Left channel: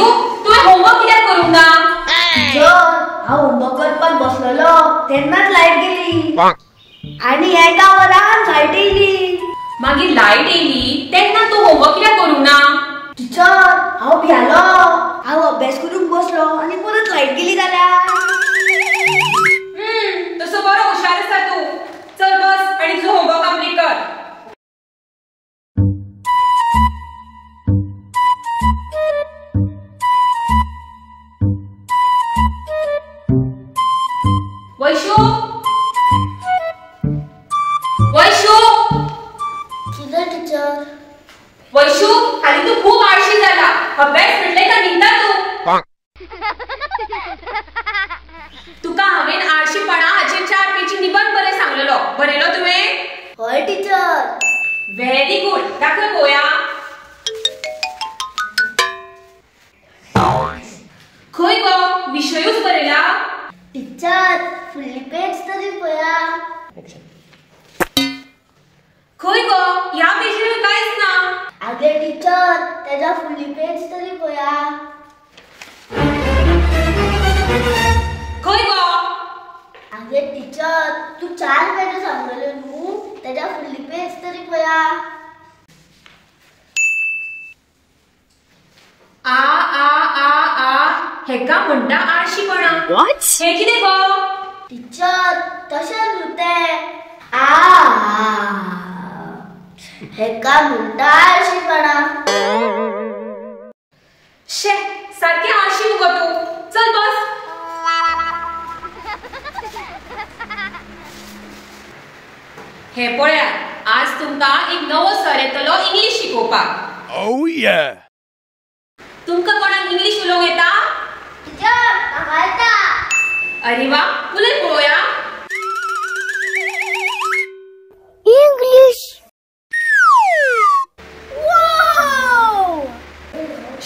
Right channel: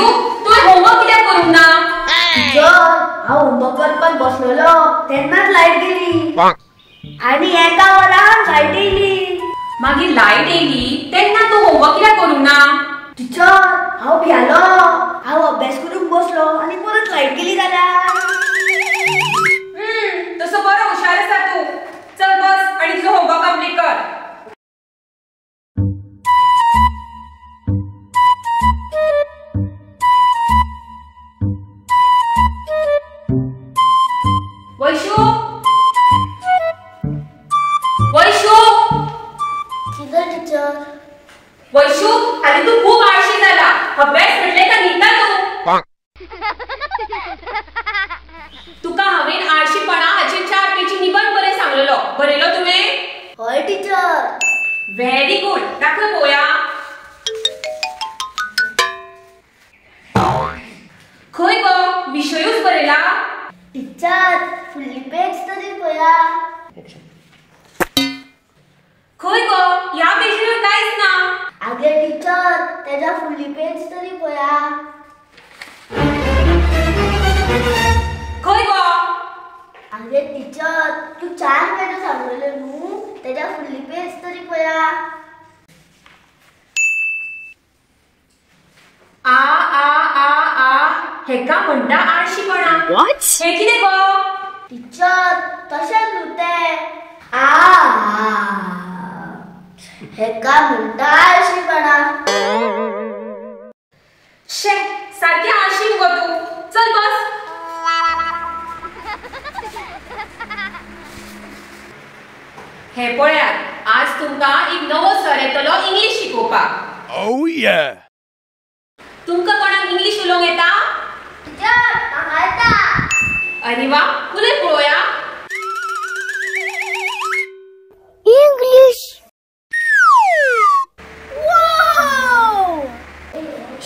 वेदू तुवें होमवर्क कित्याक करूंक ना? हांव होमवर्क करपाक बसलेलो तेन्नाच लायट गेली आनी एका वरान लायट येयली. मागीर लायट येयली तेन्ना तूं होमवर्क कित्याक करूंक ना? टिचर हांव भियालो. हांव अभ्यास करूंक बसलो आनी परत लायट गेली जाल्यार. तसो बरो हुशार आसा तूं. चल बस आनी तुजो होमवर्क कंप्लीट कर. वैशू वैशू कितें टिचर? वैशू हाली तू खूप आळशी जाला. अभ्यास म्हटले का निघता तू. तुका हावेन आळशीपणा हाचेर 4 पेजी निबंध बरे सांगलेलो. बरयलो तुवें? हय टिचर. Very good. दाखय पळोवया. खंय गो विशयूच बरयला? टिचर फुडली पेज तरी पळया. खंय गो ह्या पेजीर कांयच ना. आगे टिचर तेजा फुडली पेज तरी पळया. खंय गो? आगे टीचर तू 4 पेज सांगले न्हू तेजा फुडली पेज तरी पळया. आ आ आ आ हेका म्हणटा आळशीपणा. हे कितें गो? टीचर तशें न्हू तें. हेका म्हणटा आळशीपणा. शे सारकी आळशी मुगो तू. चल बस. हे पळयात आज तुमकां एक नवो सर येतलो इंग्लिश शिकोवपाक. Oh yeah. तुमकां कोणाक इंग्लिश उलोवंक येता? टीचर म्हाका येता. अरे वा उलय पळोवया. इंग्लिश. वाव.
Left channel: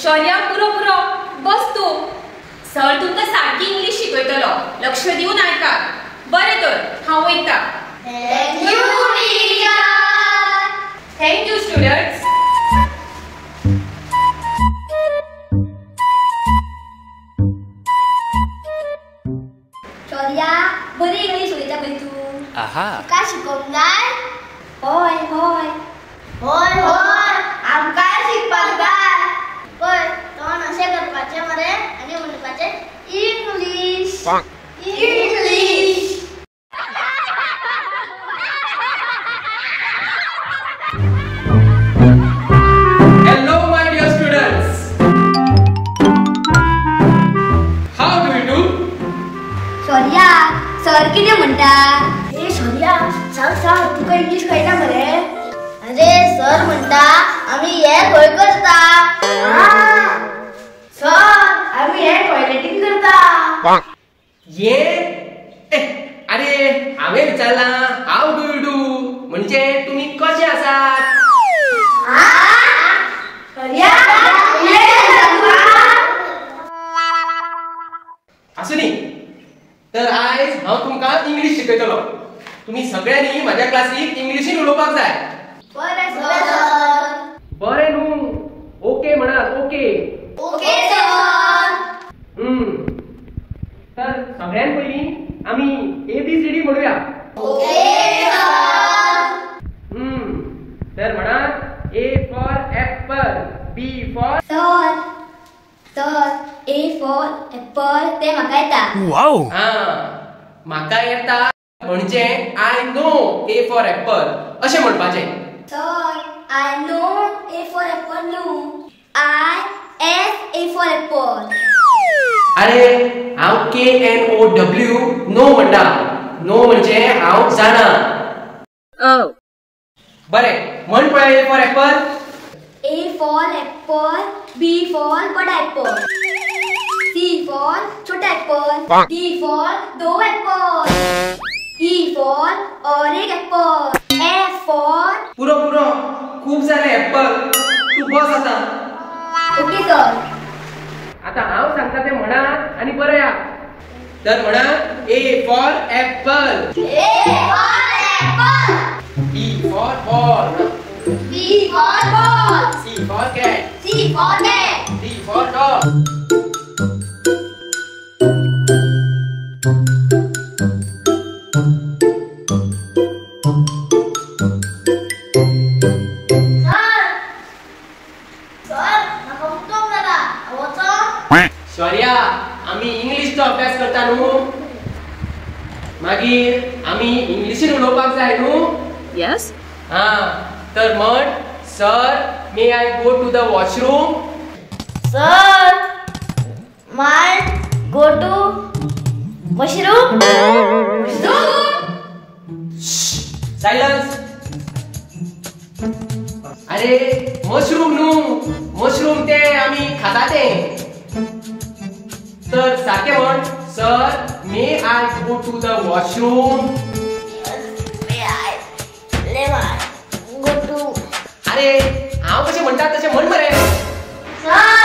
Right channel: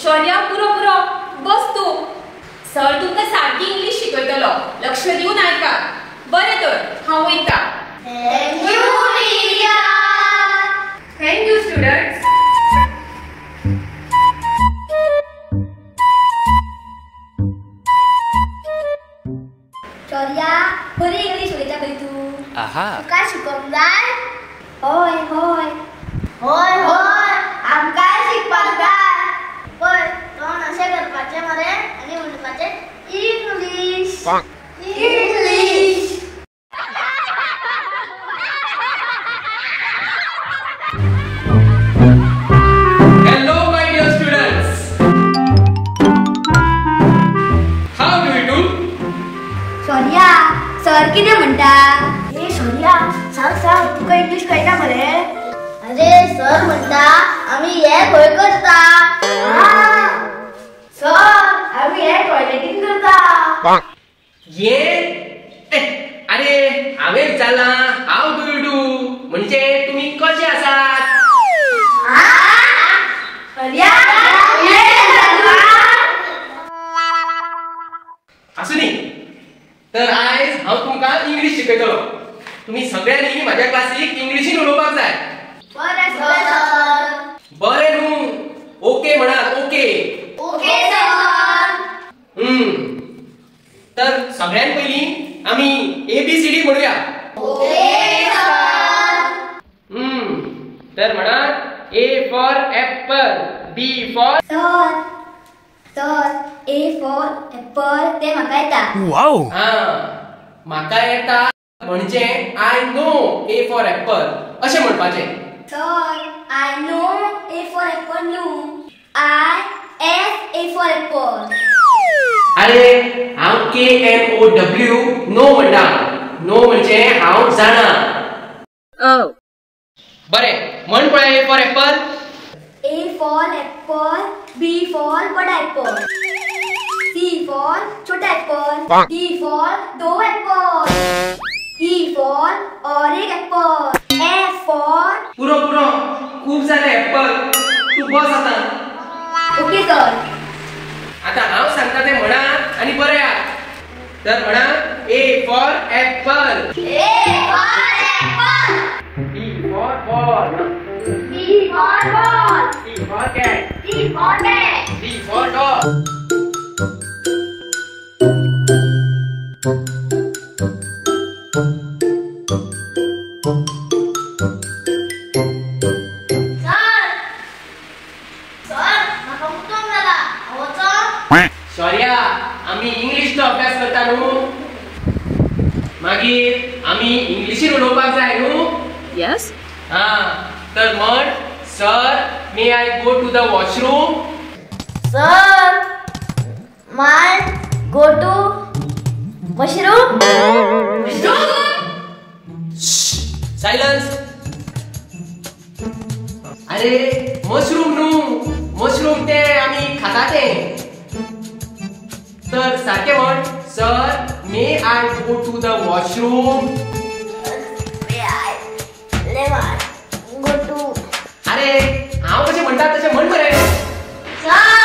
शौर्या पुरो पुरो बस तू. सर तुमकां सारकी इंग्लिश शिकयतलो. लक्ष दिवन आयकात. बरें तर हांव वयता. Thank you teacher. Thank you students. Shaurya बरी इंग्लिश उलयता पळय तू. Aha. तुका शिकोवंक जाय? होय होय. होय होय आमकां शिकपाक जाय. पळय तोंड अशें करपाचें मरे आनी म्हणपाचें English. English. Hello my dear students. How do you do? Shaurya sir कितें म्हणटा? ए शौर्या सांग सांग तुका इंग्लिश कळटा मरे? अरे सर म्हणटा आमी हे खंय करता. सर आमी हे टॉयलेटीन करता. ये अरे हांवें विचारला हाव डू यू डू म्हणजे तुम्ही कशे आसात. असू न्ही तर आयज हांव तुमकां इंग्लिश शिकयतलो. तुम्ही सगळ्यांनी माझ्या क्लासीक इंग्लिशीन उलोवपाक जाय. बरें सर. बरें न्हू. ओके म्हणात. ओके. Okay sir. तर सगळ्यात पयली आमी ABCD म्हणूया. Okay sir. तर म्हणात A for apple, B for sir sir A for apple ते म्हाका येता. Wow. म्हाका येता म्हणजे I know A for apple अशें म्हणपाचें. Sir I know A for apple न्हू. A for apple. अरे हांव KNOW नो म्हणटा. नो म्हणजे हांव जाणा. बरें म्हण पळय A for apple. A for apple, B for बड़ा apple, C for छोटा apple, D for though apple, E for और एक apple, F for पुरो पुरो खूप सारे ऍपल. तू बस आता. Okay sir. आता हांव सांगता ते म्हणा आणि बरया. तर म्हणा A for apple, A for apple, E for ball, B for ball, C for cat, C for cat, D for dog, Shaurya आम्ही इंग्लिशचो अभ्यास करता न्हू मागीर आम्ही इंग्लिशीन उलोवपाक जाय न्हू यस हा तर म्हण sir may I go to the washroom sir my go to mushroom silence अरे मशरूम न्हू मशरूम ते आम्ही खाता ते तर सारखे म्हण sir may I go to the washroom go to अरे हांव कशें म्हणटा तशें म्हण मरे सर